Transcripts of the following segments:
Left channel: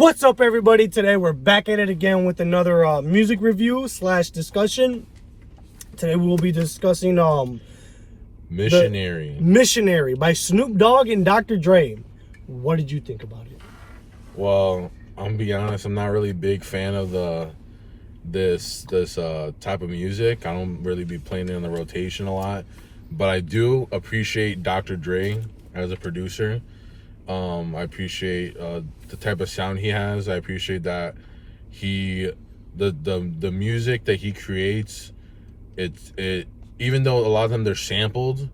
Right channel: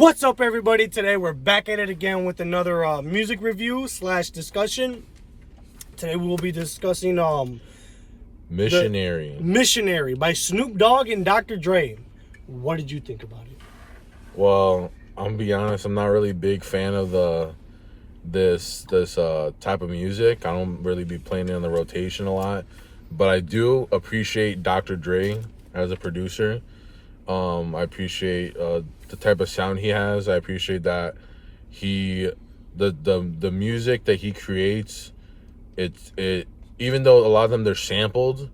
What's up, everybody? Today we're back at it again with another music review / discussion. Today we will be discussing Missionary by Snoop Dogg and Dr. Dre. What did you think about it? Well, I'm gonna be honest, I'm not really a big fan of this type of music. I don't really be playing it on the rotation a lot, but I do appreciate Dr. Dre as a producer. I appreciate the type of sound he has. I appreciate that the music that he creates. It even though a lot of them they're sampled,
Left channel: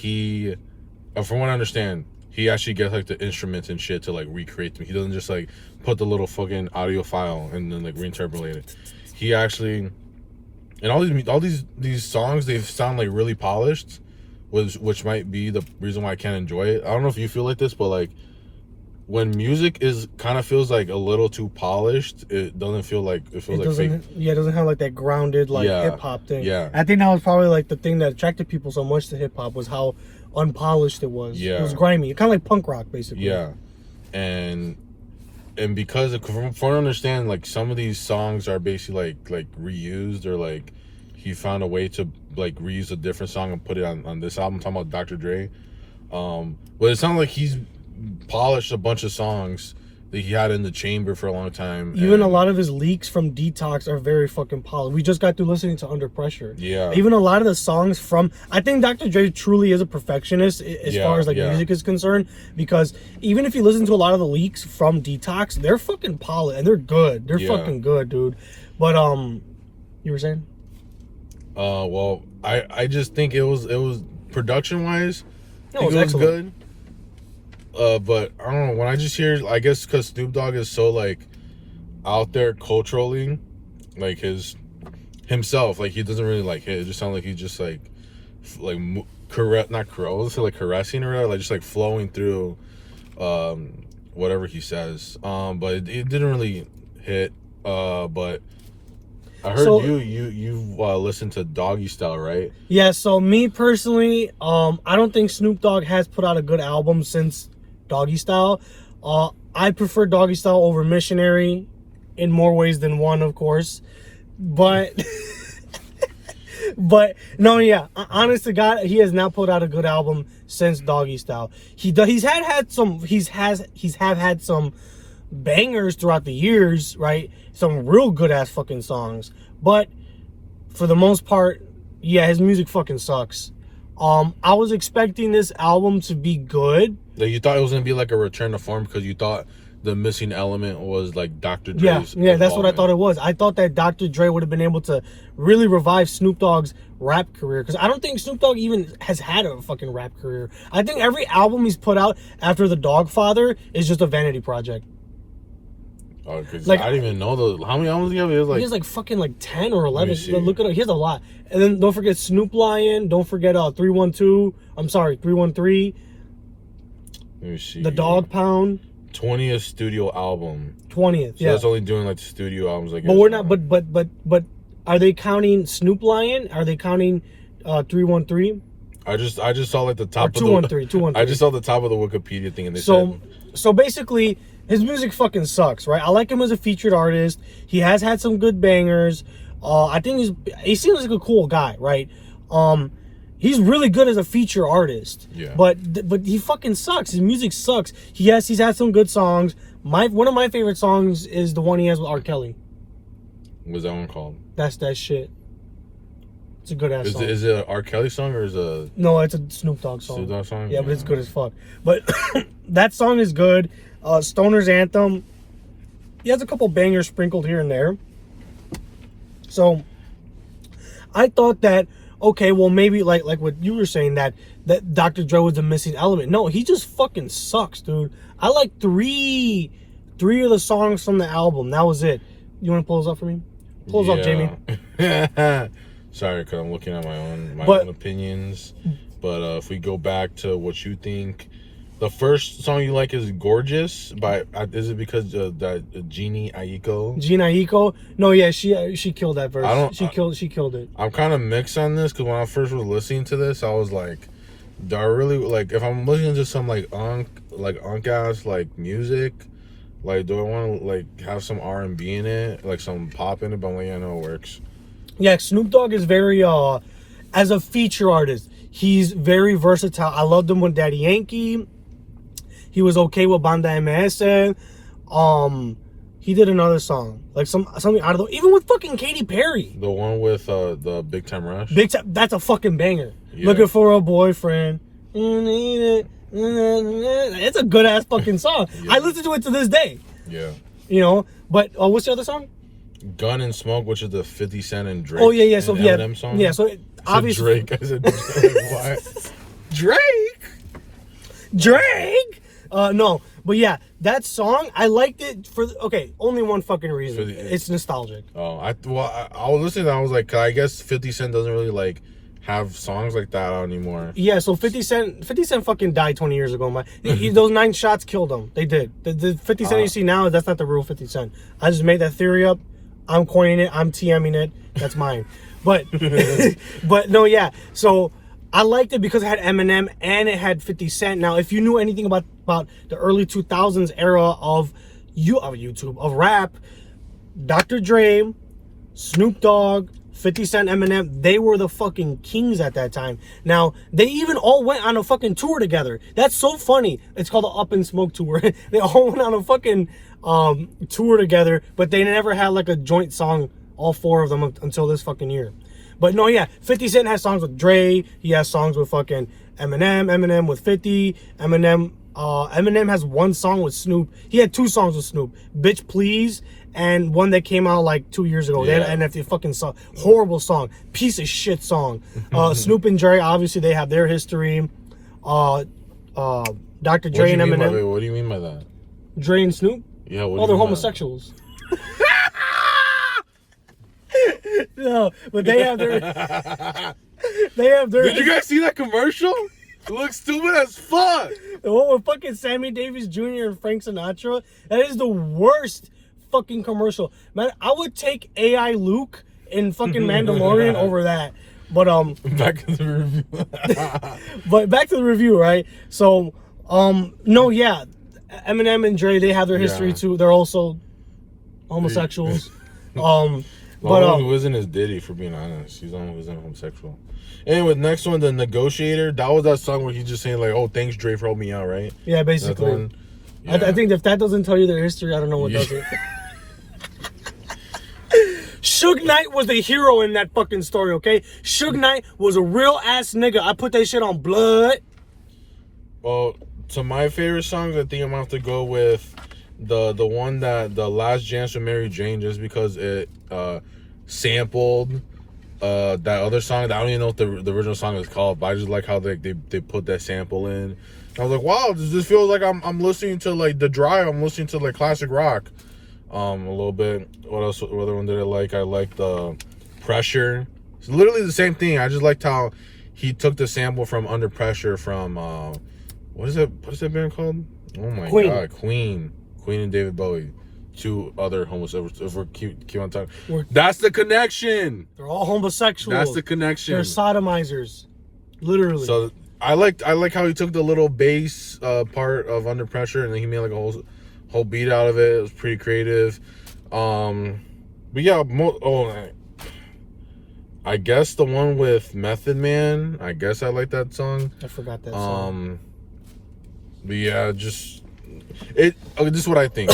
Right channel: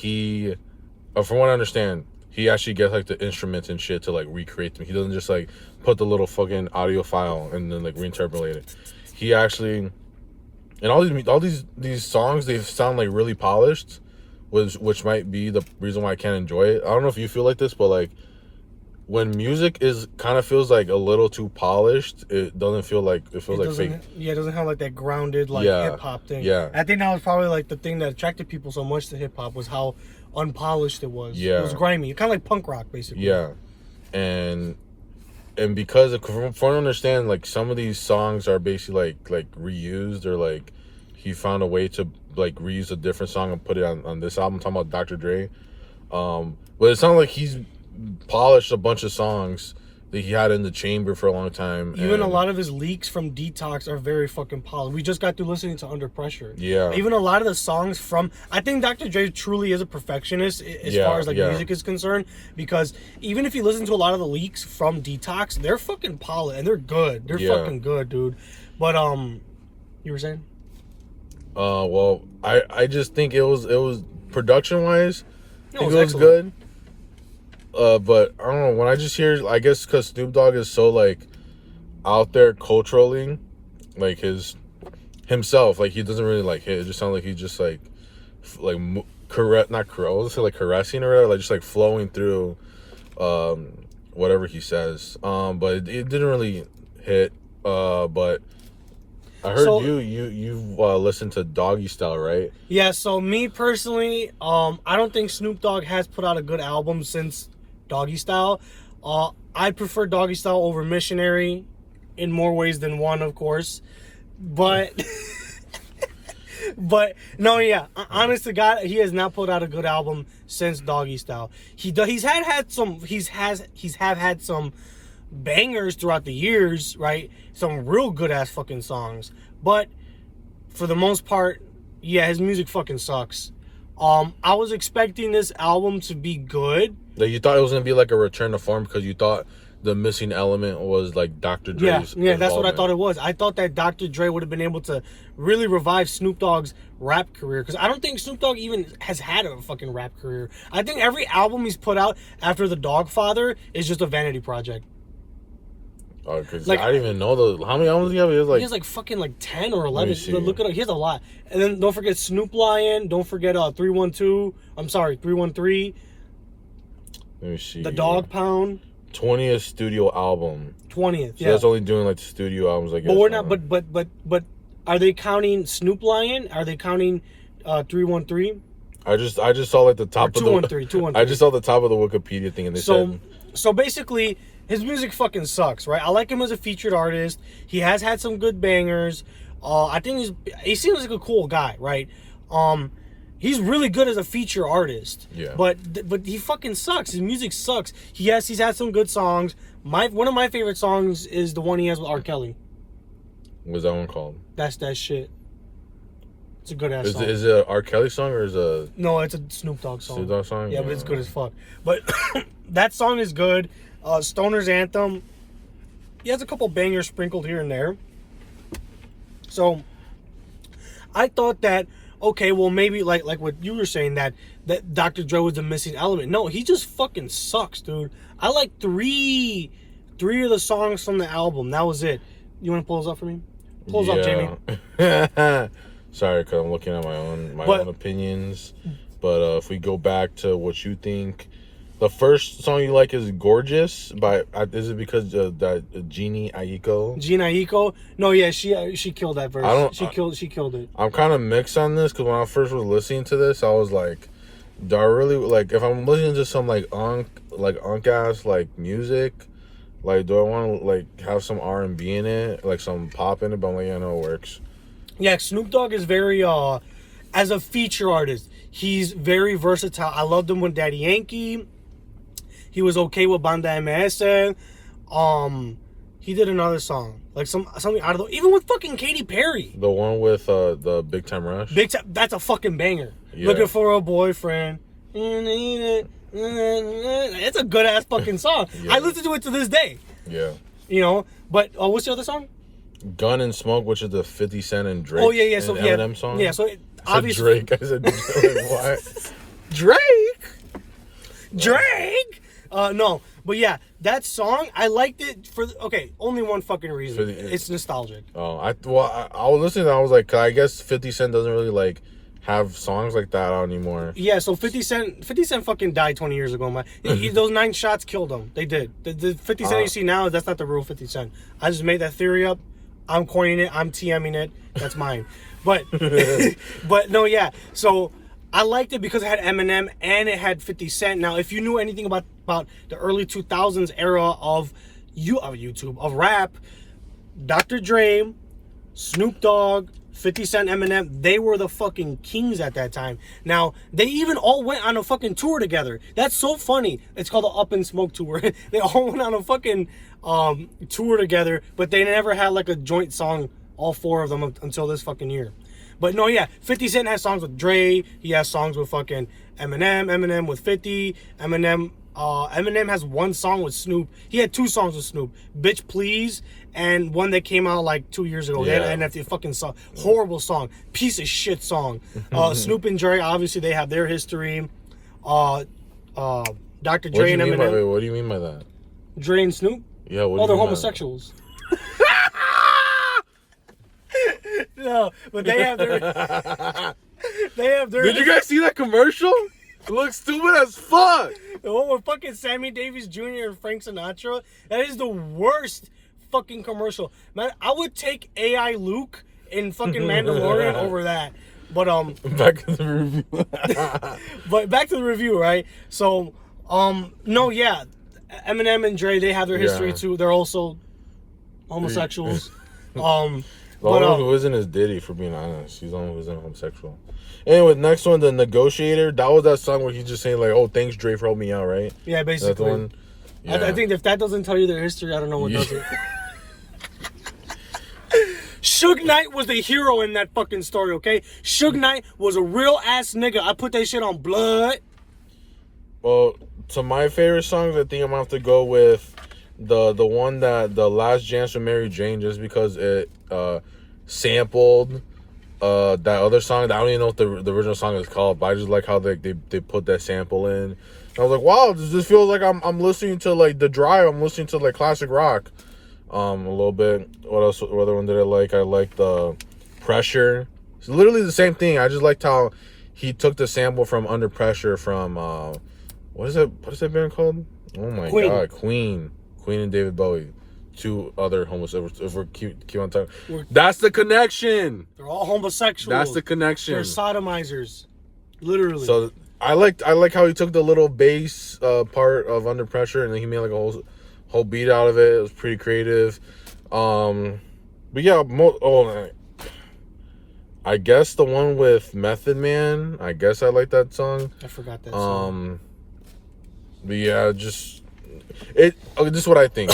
from what I understand, he actually gets like the instruments and shit to like recreate them. He doesn't just like put the little fucking audio file and then like reinterpolate it. He actually, and all these songs, they sound like really polished, which might be the reason why I can't enjoy it. I don't know if you feel like this, but like when music feels like a little too polished, it doesn't feel like it feels like fake. Yeah, it doesn't have like that grounded hip hop thing. Yeah, I think that was probably like the thing that attracted people so much to hip hop was how unpolished it was. Yeah, it was grimy, kind of like punk rock basically. Yeah, and because from what I understand, like some of these songs are basically like reused, or like he found a way to like reuse a different song and put it on this album. I'm talking about Dr. Dre. But it sounds like he's polished a bunch of songs that he had in the chamber for a long time. Even a lot of his leaks from Detox are very fucking polished. We just got through listening to Under Pressure. Yeah. Even a lot of the songs from, I think Dr. Dre truly is a perfectionist as far as like music is concerned, because even if you listen to a lot of the leaks from Detox, they're fucking polished and they're good. They're fucking good, dude. But you were saying? Well, I just think it was production wise, it was good. But I don't know, when I just hear, I guess because Snoop Dogg is so like out there culturally, like himself, like he doesn't really like hit. It just sounds like he's just like not correct, like caressing or whatever, like just like flowing through whatever he says. But it didn't really hit. But I heard you listened to Doggystyle, right? Yeah. So me personally, I don't think Snoop Dogg has put out a good album since Doggystyle. I prefer Doggystyle over Missionary in more ways than one, of course. But no, yeah. Honest to God, he has not put out a good album since Doggystyle. He's had some bangers throughout the years, right? Some real good ass fucking songs. But for the most part, yeah, his music fucking sucks. I was expecting this album to be good. Like you thought it was gonna be like a return to form because you thought the missing element was like Dr. Dre's. Yeah, that's what I thought it was. I thought that Dr. Dre would have been able to really revive Snoop Dogg's rap career, because I don't think Snoop Dogg even has had a fucking rap career. I think every album he's put out after The Dogfather is just a vanity project. Cause like I didn't even know how many albums he have. He has like fucking like 10 or 11. Look at it. He has a lot. And then don't forget Snoop Lion. Don't forget 313. I'm sorry, 313. Let me see. The Dog Pound. 20th studio album. 20th. So yeah. that's only doing like the studio albums, I guess. But we're not. But are they counting Snoop Lion? Are they counting 313? I just saw like the top. Or 213. 213. I just saw the top of the Wikipedia thing, and they said. So basically, his music fucking sucks, right? I like him as a featured artist. He has had some good bangers. I think he seems like a cool guy, right? He's really good as a feature artist. Yeah. But he fucking sucks. His music sucks. He's had some good songs. One of my favorite songs is the one he has with R. Kelly. What's that one called? That's that shit. It's a good ass song. Is it an R. Kelly song or is it a... No, it's a Snoop Dogg song. Snoop Dogg song? Yeah, but it's good as fuck. But that song is good. Stoner's Anthem. He has a couple bangers sprinkled here and there. So I thought that, okay, well maybe like what you were saying, that Dr. Dre was the missing element. No, he just fucking sucks, dude. I like three of the songs from the album. That was it. You want to pull those up for me? Pull those up, Jamie. Sorry, because I'm looking at my own opinions. But if we go back to what you think, the first song you like is "Gorgeous" by. Is it because that Jeannie Aiko? Jeannie Aiko? No, yeah, she killed that verse. She killed it. I'm kind of mixed on this because when I first was listening to this, I was like, do I really like if I'm listening to some like unk ass like music? Like, do I want to like have some R&B in it, like some pop in it? But I'm like, yeah, no, it works. Yeah, Snoop Dogg is very as a feature artist, he's very versatile. I loved him with Daddy Yankee. He was okay with Banda MS. He did another song, like something out of the, even with fucking Katy Perry. The one with the Big Time Rush. That's a fucking banger. Yeah. Looking for a boyfriend. It's a good ass fucking song. Yeah. I listen to it to this day. Yeah. You know, but what's the other song? Gun and Smoke, which is the 50 Cent and Drake. Oh yeah. So yeah, Eminem song. yeah. So obviously Drake. I said Drake. What? Drake. No, but yeah, that song I liked it for only one fucking reason. It's nostalgic. Oh, I was listening. I was like, I guess 50 Cent doesn't really like have songs like that out anymore. Yeah, so 50 Cent fucking died 20 years ago. Those 9 shots killed him. They did. The 50 Cent you see now, that's not the real 50 Cent. I just made that theory up. I'm coining it. I'm TMing it. That's mine. But but no, yeah. So I liked it because it had Eminem and it had 50 Cent. Now, if you knew anything about the early 2000s era of YouTube, of rap, Dr. Dre, Snoop Dogg, 50 Cent, Eminem, they were the fucking kings at that time. Now, they even all went on a fucking tour together. That's so funny. It's called the Up in Smoke tour. They all went on a fucking tour together, but they never had like a joint song, all 4 of them, until this fucking year. But no, yeah, 50 Cent has songs with Dre. He has songs with fucking Eminem with 50. Eminem has one song with Snoop. He had 2 songs with Snoop. Bitch Please, and one that came out like 2 years ago. Yeah. And that's the fucking song. Horrible song. Piece of shit song. Snoop and Dre, obviously they have their history. Dr. Dre and Eminem. What do you mean by that? Dre and Snoop? Yeah, they're homosexuals. No, but they have their Did you guys see that commercial? It looks stupid as fuck. The one with fucking Sammy Davis Jr. and Frank Sinatra. That is the worst fucking commercial. Man, I would take AI Luke in fucking Mandalorian over that. But back to the review. but back to the review, right? So no, yeah. Eminem and Dre, they have their history too. They're also homosexuals. But who isn't his Diddy, for being honest. He's the one who isn't homosexual. Anyway, next one, The Negotiator. That was that song where he's just saying like, "Oh, thanks Dre for helping me out," right? Yeah, basically. Yeah. I think if that doesn't tell you their history, I don't know what does it. Suge Knight was the hero in that fucking story, okay? Suge Knight was a real ass nigga. I put that shit on blood. Well, to my favorite songs, I think I'm gonna have to go with the one that The Last Dance with Mary Jane, just because it sampled that other song. I don't even know what the original song is called, but I just like how they put that sample in. And I was like, wow, this feels like I'm listening to like The Drive. I'm listening to like classic rock. A little bit. What else? What other one did I like? I liked the Pressure. It's literally the same thing. I just liked how he took the sample from Under Pressure from what is that band called? Oh my god, Queen and David Bowie. 2 other homosexuals. If we keep on talking, that's the connection. They're all homosexuals. That's the connection. They're sodomizers, literally. So I like how he took the little bass part of Under Pressure and then he made like a whole beat out of it. It was pretty creative. But yeah, I guess the one with Method Man. I guess I like that song. I forgot that song. But yeah, this is what I think.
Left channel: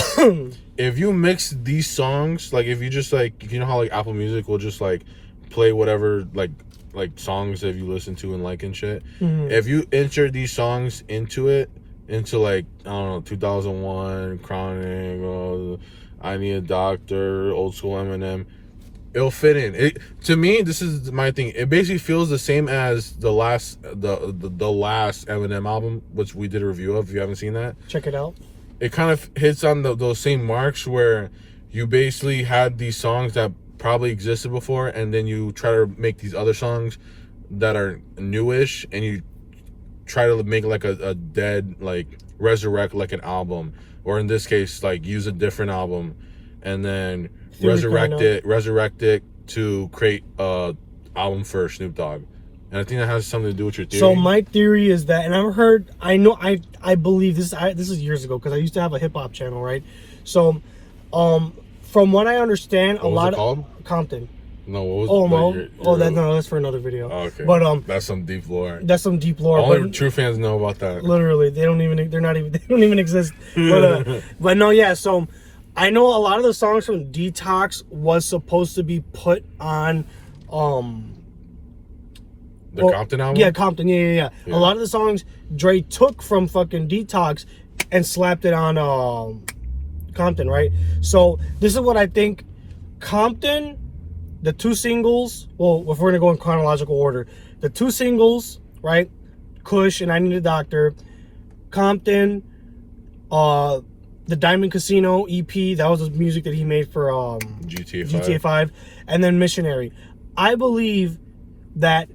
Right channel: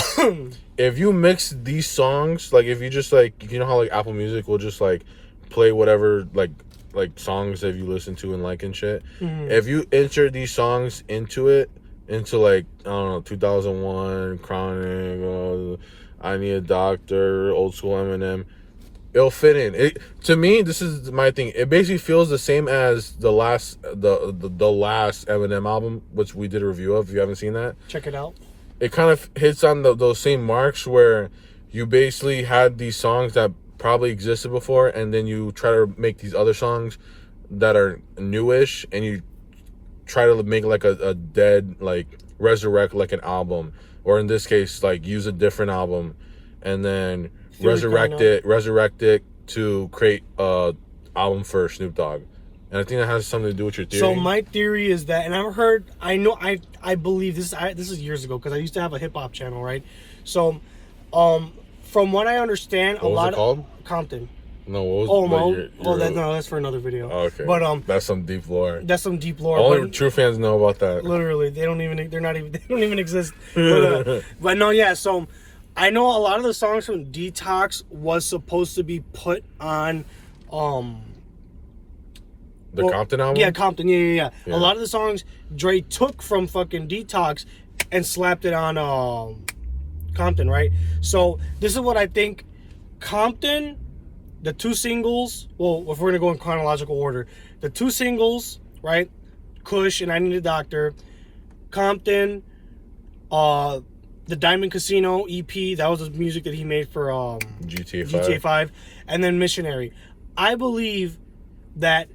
If you mix these songs, like if you just like, you know how like Apple Music will just like play whatever like songs that you listen to and like and shit. Mm-hmm. If you insert these songs into like, I don't know, 2001, Chronic, I Need a Doctor, Old School Eminem, it'll fit in. To me, this is my thing. It basically feels the same as the last Eminem album, which we did a review of. If you haven't seen that, check it out. It kind of hits on those same marks where you basically had these songs that probably existed before, and then you try to make these other songs that are newish, and you try to make like a dead, like resurrect like an album, or in this case like use a different album and then resurrect it to create a album for Snoop Dogg. And I think that has something to do with your theory. So my theory is that, and I believe this is years ago, because I used to have a hip hop channel, right? So, from what I understand, What was it called? Compton. No, what was No, that's for another video. Oh, okay. But that's some deep lore. That's some deep lore. Only true fans know about that. Literally, they don't even exist. But no, yeah. So I know a lot of the songs from Detox was supposed to be put on, Compton album. Yeah, Compton. Yeah. A lot of the songs Dre took from fucking Detox and slapped it on Compton, right? So this is what I think. Compton. The two singles, well, if we're going to go in chronological order, the two singles, right? Kush and I Need a Doctor. Compton, the Diamond Casino EP, that was the music that he made for GTA 5. And then Missionary. I believe that...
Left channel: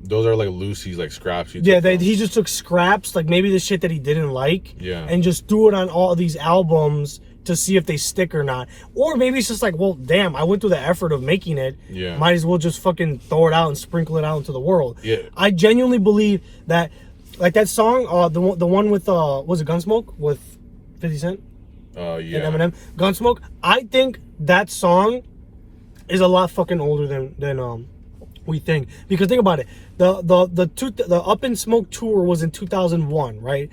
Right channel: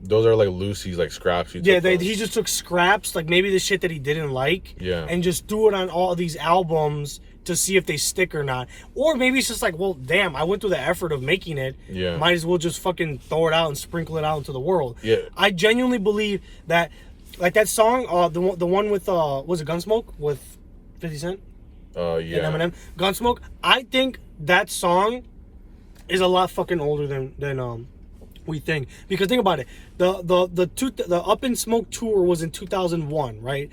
Those are like Lucy's, like scraps. He just took scraps, like maybe the shit that he didn't like, yeah, and just threw it on all of these albums to see if they stick or not. Or maybe it's just like, well, damn, I went through the effort of making it. Yeah. Might as well just fucking throw it out and sprinkle it out into the world. Yeah. I genuinely believe that, like that song, the one with, was it Gunsmoke? With 50 Cent? Yeah. And Eminem? Gunsmoke? I think that song is a lot fucking older than we think. Because think about it. The Up in Smoke tour was in 2001, right?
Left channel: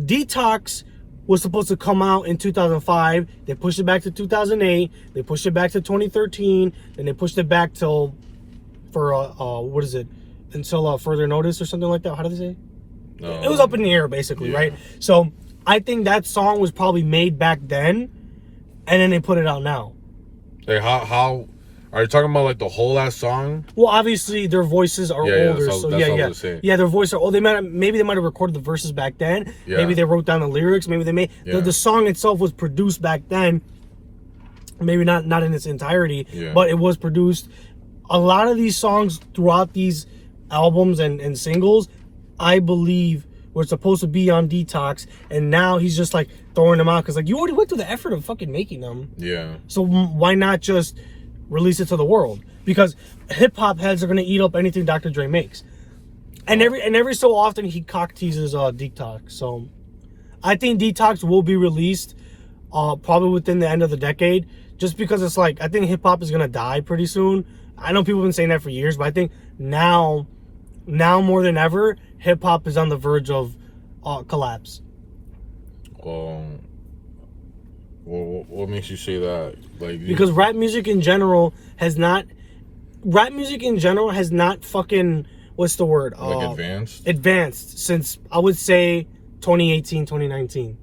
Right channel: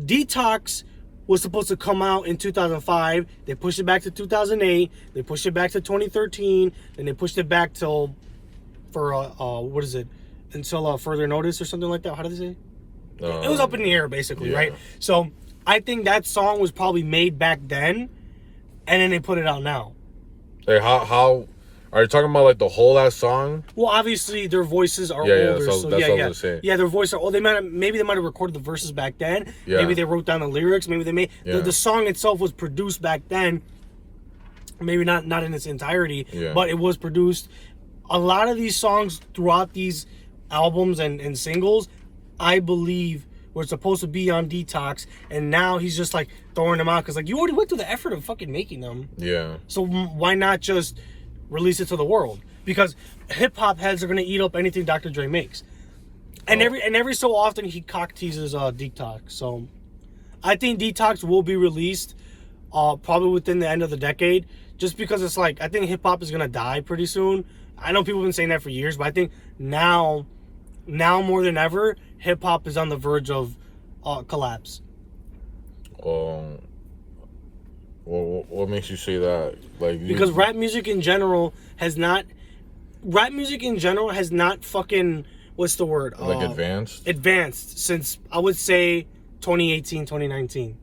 Detox was supposed to come out in 2005. They pushed it back to 2008. They pushed it back to 2013. And they pushed it back until further notice or something like that. How did they say? It was up in the air, basically, right? So I think that song was probably made back then, and then they put it out now. Like how are you talking about, like the whole ass song? Well, obviously their voices are older, yeah, their voices are old. Maybe they might have recorded the verses back then. Yeah. Maybe they wrote down the lyrics. Maybe they made the song itself was produced back then. Maybe not in its entirety, but it was produced. A lot of these songs throughout these albums and singles, I believe, were supposed to be on Detox, and now he's just like throwing them out because like you already went through the effort of fucking making them. Yeah. So why not just release it to the world? Because hip hop heads are gonna eat up anything Dr. Dre makes, and every so often he cock teases Detox. So I think Detox will be released probably within the end of the decade, just because it's like I think hip hop is gonna die pretty soon. I know people have been saying that for years, but I think now more than ever, hip hop is on the verge of collapse. What makes you say that? Because rap music in general has not fucking, what's the word? Advanced since, I would say, 2018, 2019.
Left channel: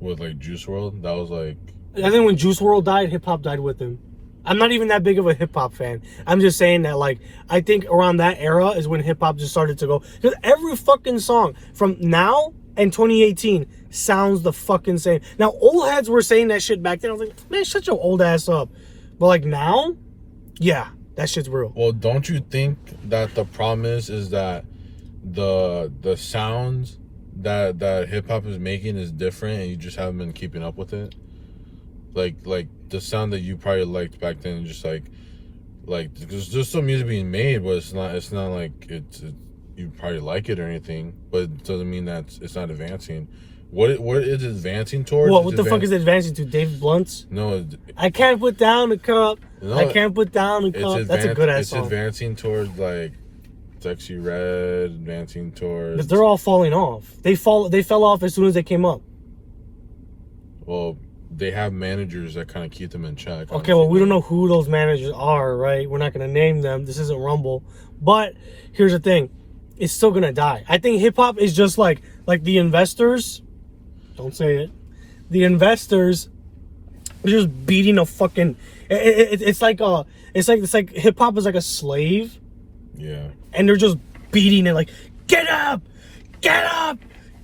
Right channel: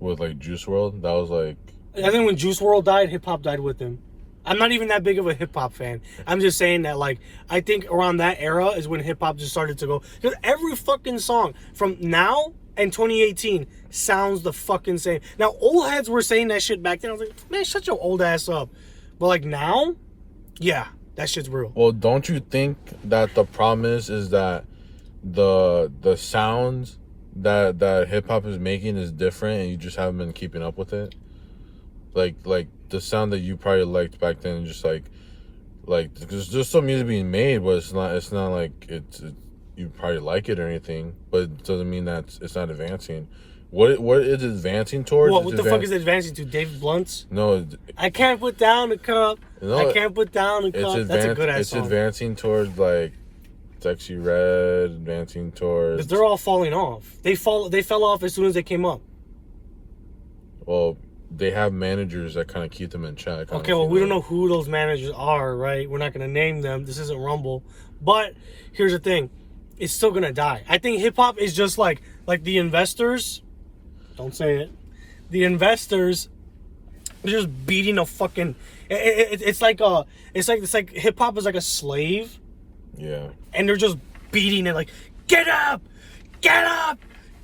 With like Juice WRLD, that was like... I think when Juice WRLD died, hip hop died with him. I'm not even that big of a hip hop fan. I'm just saying that, like, I think around that era is when hip hop just started to go. Because every fucking song from now and 2018 sounds the fucking same. Now, old heads were saying that shit back then. I was like, man, shut your old ass up. But like now, yeah, that shit's real. Well, don't you think that the problem is that the sounds that hip hop is making is different, and you just haven't been keeping up with it? Like the sound that you probably liked back then, just like there's just some music being made, but it's not like it's you probably like it or anything, but it doesn't mean that it's not advancing. What is it advancing towards? What the fuck is it advancing to? David Blunt's? No, I can't put down the cup. No, I can't put down the cup. That's a good ass song. It's advancing towards like Sexy Red, advancing towards. But they're all falling off. They fell off as soon as they came up. Well, they have managers that kind of keep them in check. Okay, well, we don't know who those managers are, right? We're not going to name them. This isn't Rumble. But here's the thing. It's still going to die. I think hip-hop is just like the investors. Don't say it. The investors are just beating a fucking... It's like hip-hop is like a slave. Yeah. And they're just beating it like, get up! Get up!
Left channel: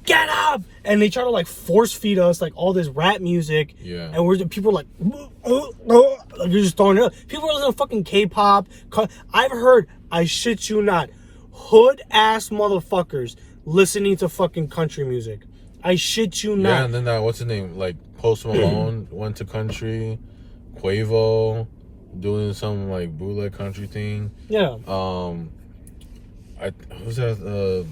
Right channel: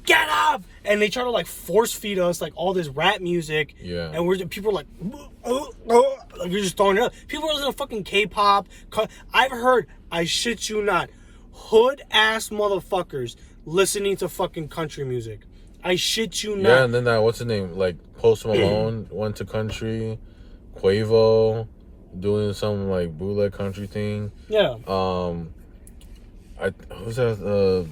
Get up! And they try to like force feed us like all this rap music. Yeah. And people are like you're just throwing it up. People are listening to fucking K-pop. I've heard, I shit you not, hood ass motherfuckers listening to fucking country music. I shit you not. Yeah, and then that, what's his name? Like Post Malone went to country. Quavo doing some like bootleg country thing. Yeah. Who's that?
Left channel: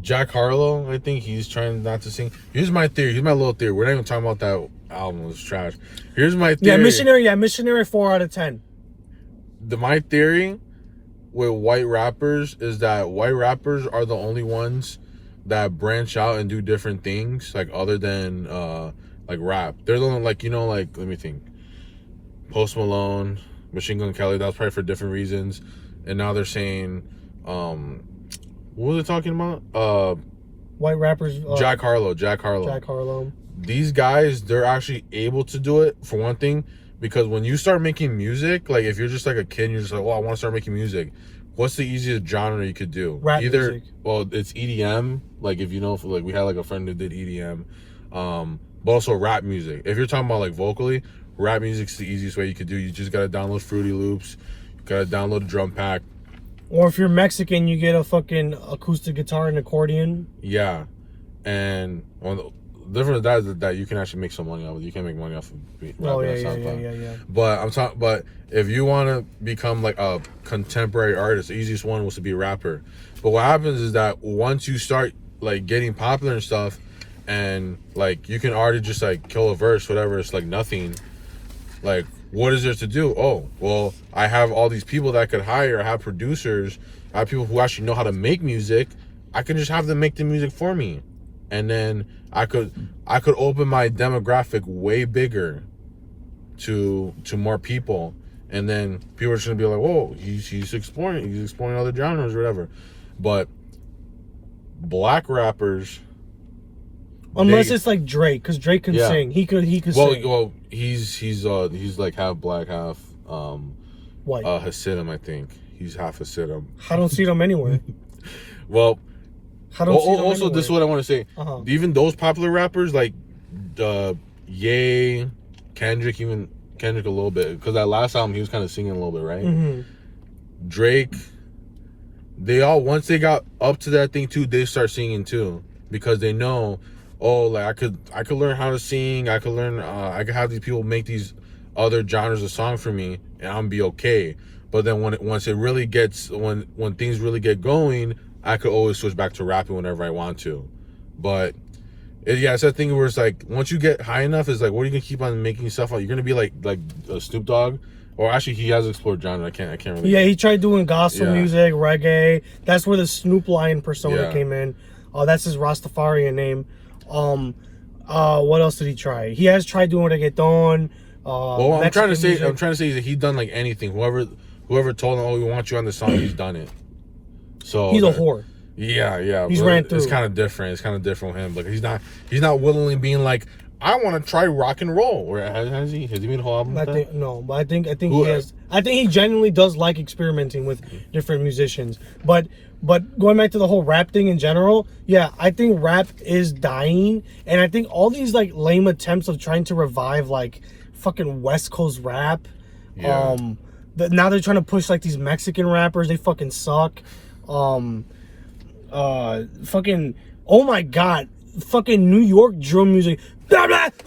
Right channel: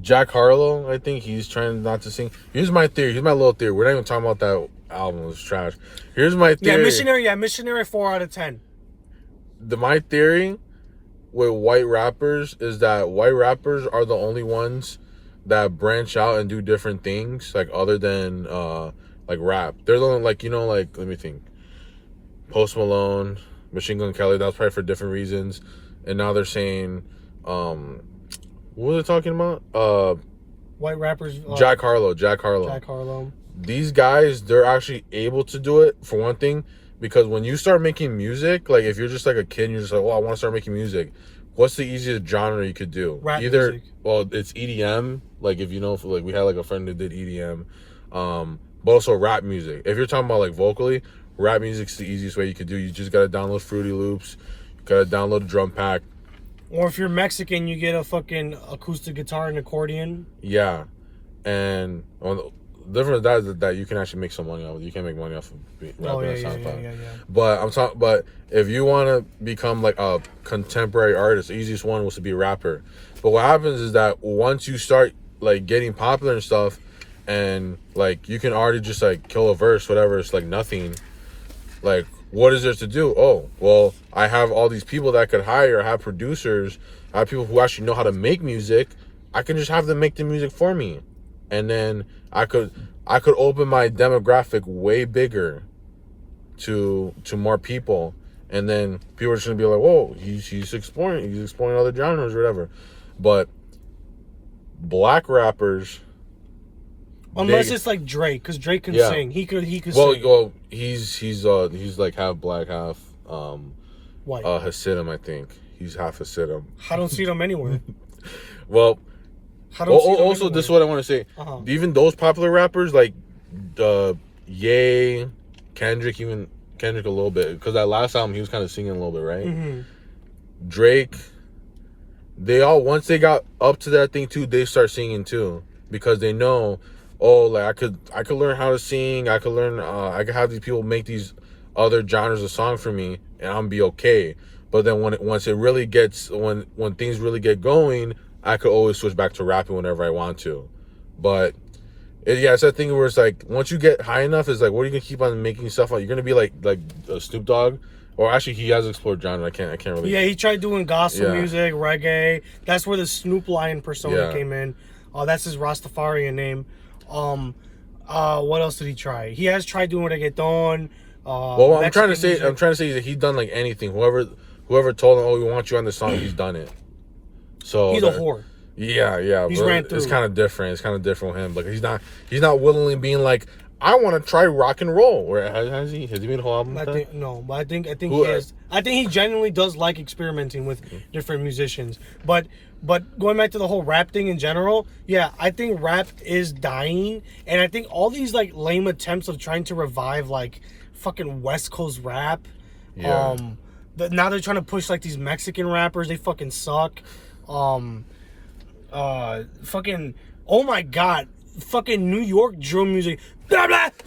Jack Harlow, I think he's trying not to sing. Here's my theory. Here's my little theory. We're not even talking about that album was trash. Here's my Yeah, theory. Missionary 4 out of 10. My theory with white rappers is that white rappers are the only ones that branch out and do different things, like other than like rap. They're the only, like, you know, like, let me think. Post Malone, Machine Gun Kelly, that's probably for different reasons. And now they're saying, what were they talking about? White rappers. Jack Harlow. These guys, they're actually able to do it, for one thing, because when you start making music, like if you're just like a kid and you're just like, oh, I want to start making music, what's the easiest genre you could do? Rap music. Well, it's EDM, like if you know, like we had like a friend that did EDM, but also rap music. If you're talking about like vocally, rap music's the easiest way you could do. You just gotta download Fruity Loops, gotta download a drum pack. Or if you're Mexican, you get a fucking acoustic guitar and accordion. Yeah, and well, the difference with that is that you can actually make some money off it. You can make money off of rapping on SoundCloud. Yeah. But I'm talking. But if you want to become like a contemporary artist, the easiest one was to be a rapper. But what happens is that once you start like getting popular and stuff, and like you can already just like kill a verse, whatever. It's like nothing. Like, what is there to do? Oh, well, I have all these people that I could hire. I have producers. I have people who actually know how to make music. I can just have them make the music for me, and then I could open my demographic way bigger to more people, and then people are just gonna be like, whoa, he's exploring other genres or whatever. But black rappers, unless it's like Drake, because Drake can sing. He could sing. Well, he's like half black, half white. Hasidim, I think. He's half Hasidim. I don't see them anywhere. Well, I don't see them also anywhere. this is what I want to say. Even those popular rappers like Ye, Kendrick a little bit, because that last album he was kind of singing a little bit, right? Mm-hmm. Drake, they all, once they got up to that thing too, they start singing too, because they know, oh, like I could learn how to sing. I could learn. I could have these people make these other genres of song for me, and I'm be okay. But then when things really get going, I could always switch back to rapping whenever I want to. But it's that thing where it's like once you get high enough, it's like, what are you gonna keep on making stuff out? You're gonna be like Snoop Dogg, or actually he has explored genre. I can't really. Yeah, he tried doing gospel music, reggae. That's where the Snoop Lion persona came in. That's his Rastafarian name. What else did he try? He has tried doing reggaeton. Well, I'm trying to say music. that he's done like anything. Whoever told him, oh, we want you on this song, he's done it. So he's a whore. Yeah. He's ran through. It's kind of different. It's kind of different with him. Like he's not willingly being like, I want to try rock and roll. Or has he made a whole album? But I think he has. I think he genuinely does like experimenting with different musicians. But going back to the whole rap thing in general, yeah, I think rap is dying, and I think all these like lame attempts of trying to revive like fucking West Coast rap. Yeah. Now they're trying to push like these Mexican rappers. They fucking suck. Fucking, oh my god, fucking New York drill music. That's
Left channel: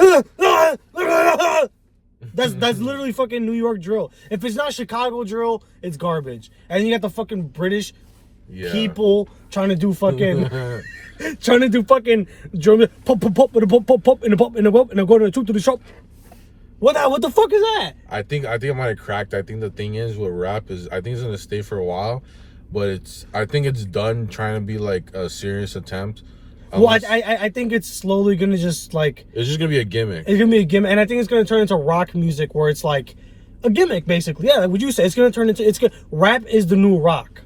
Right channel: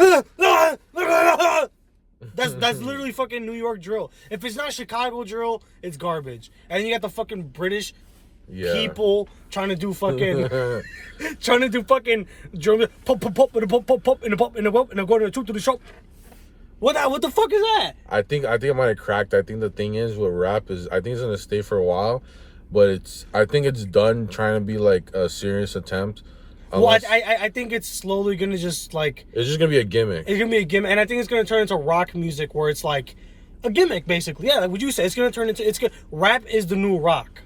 literally fucking New York drill. If it's not Chicago drill, it's garbage. And then you got the fucking British people trying to do fucking drum, pop pop and a pop pop and a pop and a pop and I'm going to the shop. What the fuck is that? I think I might have cracked. I think the thing is with rap is I think it's gonna stay for a while, but I think it's done trying to be like a serious attempt. Unless, well, I think it's slowly gonna just like it's just gonna be a gimmick. It's gonna be a gimmick, and I think it's gonna turn into rock music where it's like a gimmick basically. Yeah, like what you say, it's gonna turn into rap is the new rock.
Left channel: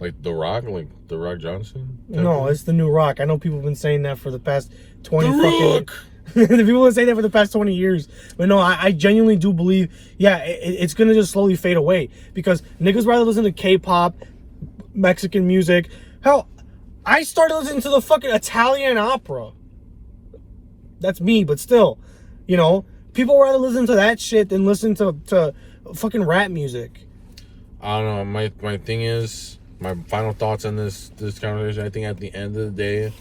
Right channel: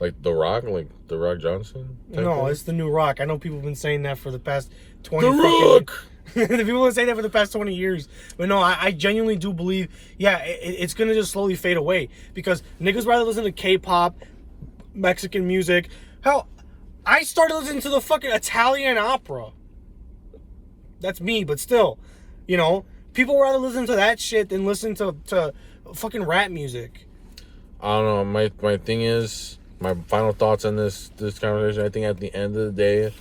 Like The Rock, like The Rock Johnson? No, it's the new rock. I know people have been saying that for the past 20 fucking people have been saying that for the past 20 years. But no, I genuinely do believe, it's going to just slowly fade away. Because niggas rather listen to K-pop, Mexican music. Hell, I started listening to the fucking Italian opera. That's me, but still. You know, people rather listen to that shit than listen to fucking rap music. I don't know. My thing is, my final thoughts on this conversation, I think at the end of the day,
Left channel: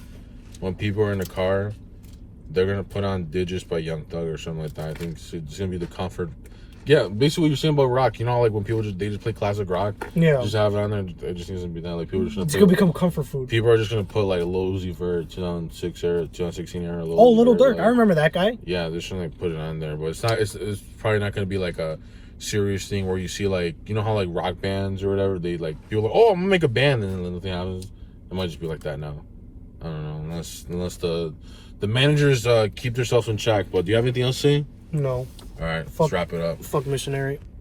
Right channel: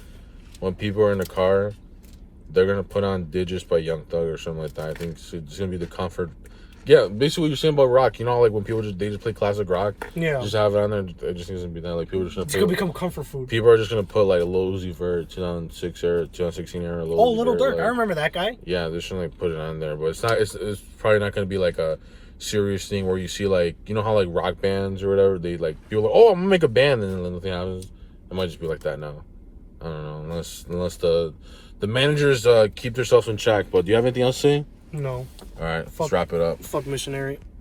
when people are in the car, they're gonna put on Digits by Young Thug or something like that. I think it's gonna be the comfort Yeah, basically what you're saying about rock. You know, like when people just play classic rock. Yeah. Just have it on there. It just needs to be done. Like people are just It's gonna gonna become comfort food. people are just gonna put like Lil Uzi for 2006 or 2016 era. Oh, Little Dirk. Like, I remember that guy. yeah, they're just gonna like put it on there, but it's not. It's probably not gonna be like a serious thing where you see like, you know how like rock bands or whatever, they like people are like, oh, I'm gonna make a band, and then nothing happens. It might just be like that now. I don't know, unless the managers keep themselves in check. But do you have anything else to say? No. All right, let's wrap it up. Fuck Missionary.